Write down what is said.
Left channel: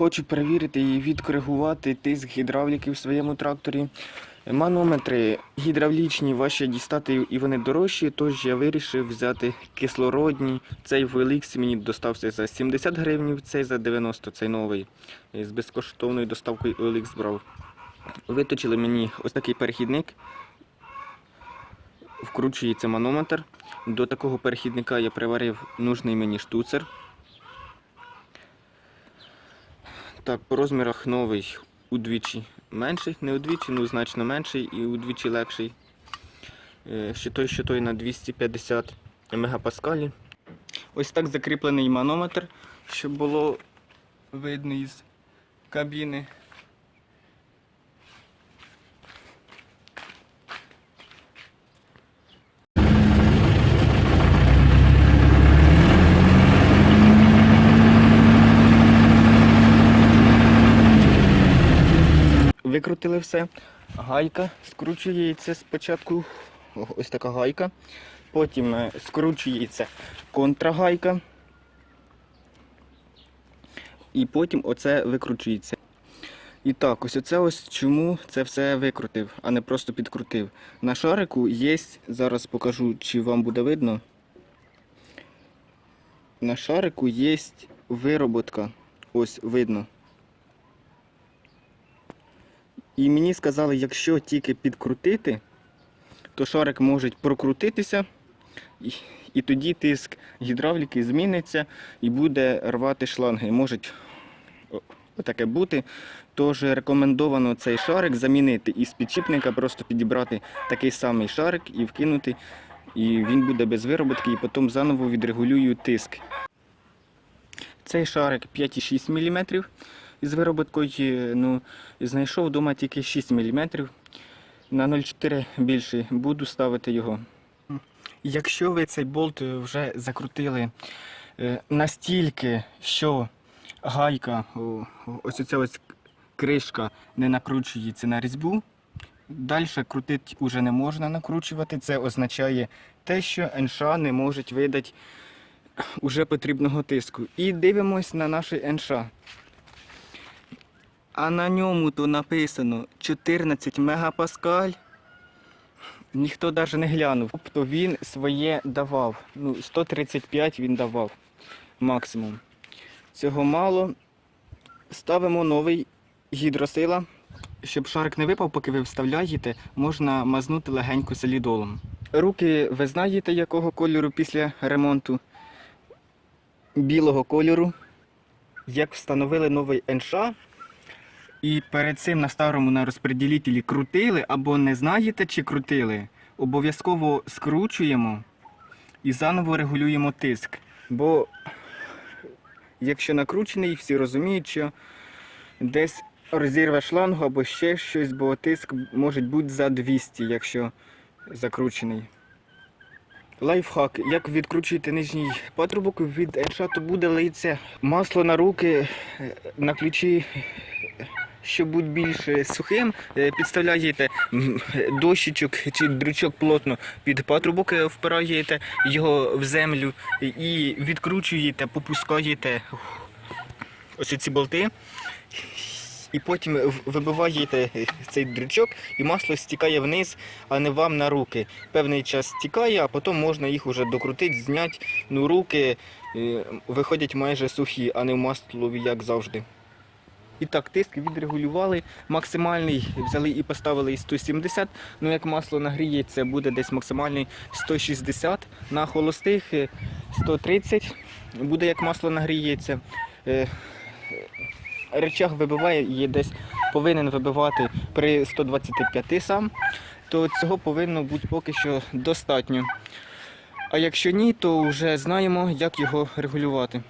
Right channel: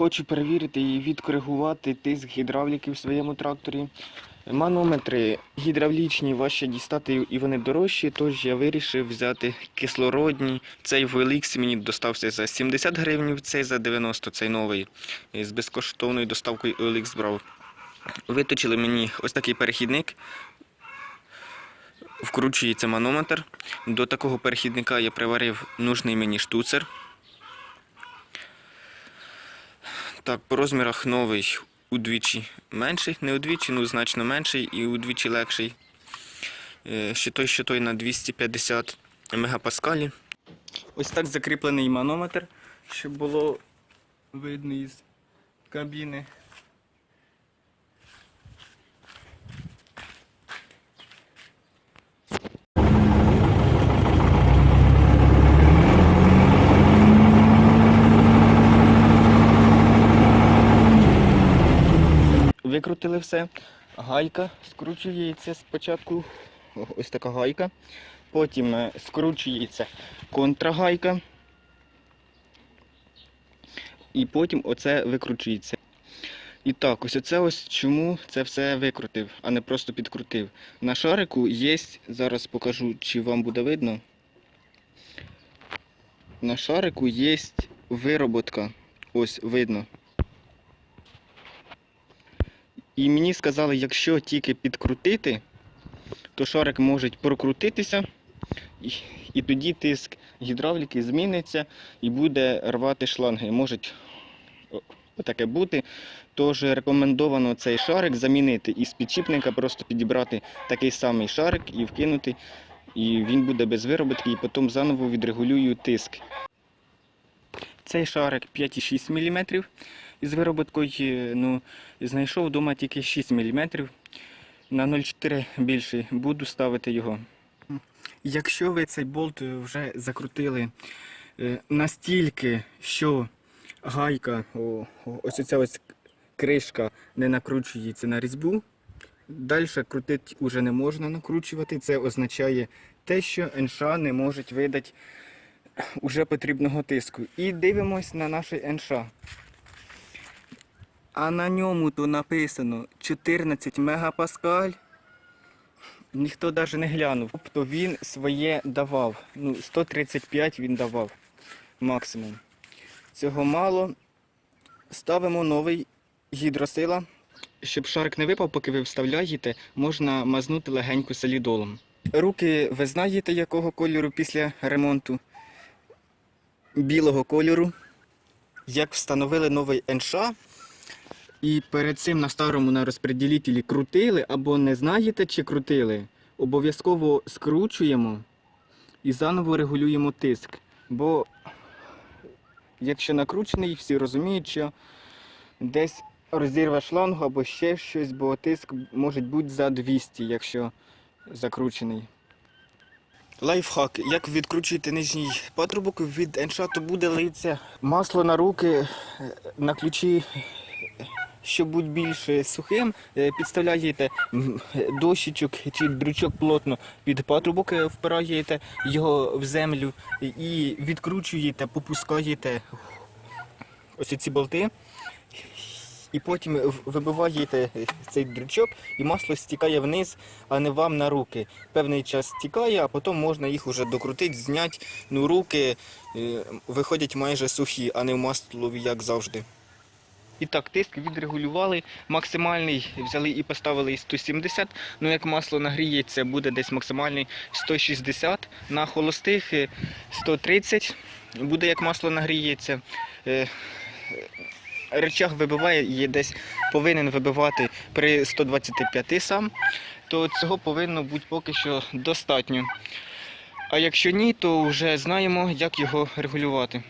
хочу перевірити і відкоригувати тиск гідравліки в своєму тракторі. Манометри гідравлічні важче дістати і вони дорожчі, тож я вирішив взяти кислородні. Цей в мені достався за 70 гривень, цей за 90, цей новий. З безкоштовною доставкою OLX брав. Виточили мені ось такий перехідник. Вкручується манометр. До такого перехідника я приварив нужний мені штуцер. Так, по розмірах новий удвічі менший, не удвічі, ну значно менший і удвічі легший. Е, Ще той, що той на 250 мегапаскалі. Ось так закріплений манометр, щоб було видно із кабіни. Викрутили все. Гайка скручується спочатку. Ось така гайка. Потім е, скручується контрагайка. І потім оце викручується. І так, ось оце ось чому це все викрутив, а не просто підкрутив. На шарику є, зараз покажу, чи вам буде видно. На шарику є вироботка. Ось видно. І мені сказали, якщо тільки підкрутити, то шарик може прокрутитися, і, і тоді тиск гідравліки зміниться і буде рвати шланги. Може таке бути. Тож рекомендовано цей шарик замінити із підшипника, просто підібрати такий самий шарик і вкинути. І він буде без вироботки, і потім заново відрегулюю тиск. Цей шарик 5,6 мм із вироботкою. Ну, знайшов вдома тільки 6 мм. На 0,4 більший буду ставити його. Якщо ви цей болт вже закрутили е, настільки, що гайка, ось ця ось кришка не накручується на різьбу, далі крутити вже не можна накручувати. Це означає те, що НШ не можуть видати уже потрібного тиску. І дивимось на наш НШ. А на ньому то написано 14 мегапаскаль. Ніхто навіть не глянув. Тобто він своє давав. Ну, 135 він давав максимум. Цього мало. Ставимо новий гідросила. Щоб шарик не випав, поки ви вставляєте, можна мазнути легенько солідолом. Руки ви знаєте якого кольору після ремонту? Білого кольору. Як встановили новий НШ, і перед цим на старому на розпреділителі крутили або не знаєте, чи крутили, обов'язково скручуємо і заново регулюємо тиск. Бо якщо накручений, всі розуміють, що десь розірве шлангу або ще щось, бо тиск може бути за 200, якщо закручений. Лайфхак, як відкручити нижній патрубок від НШ, буде литься масло на руки, на ключі щоб бути більш е, сухим, е, підставляєте дощечок чи дрючок плотно під патрубок, е, впираєте його в землю і відкручуєте, попускаєте ось ці болти. І потім вибиваєте цей дрючок, і масло стікає вниз, а не вам на руки. Певний час стікає, а потім можна їх уже докрутити, зняти. Ну, руки виходять майже сухі, а не в маслові, як завжди. І так, тиск відрегулювали. Максимальний взяли і поставили і 170. Ну як масло нагріється, буде десь максимальний 160. На холостих е, 130 буде як масло нагріється. Е, Речах вибиває і десь повинен вибивати при 125 сам, то цього повинно бути поки що достатньо. А якщо ні, то вже знаємо, як його регулювати.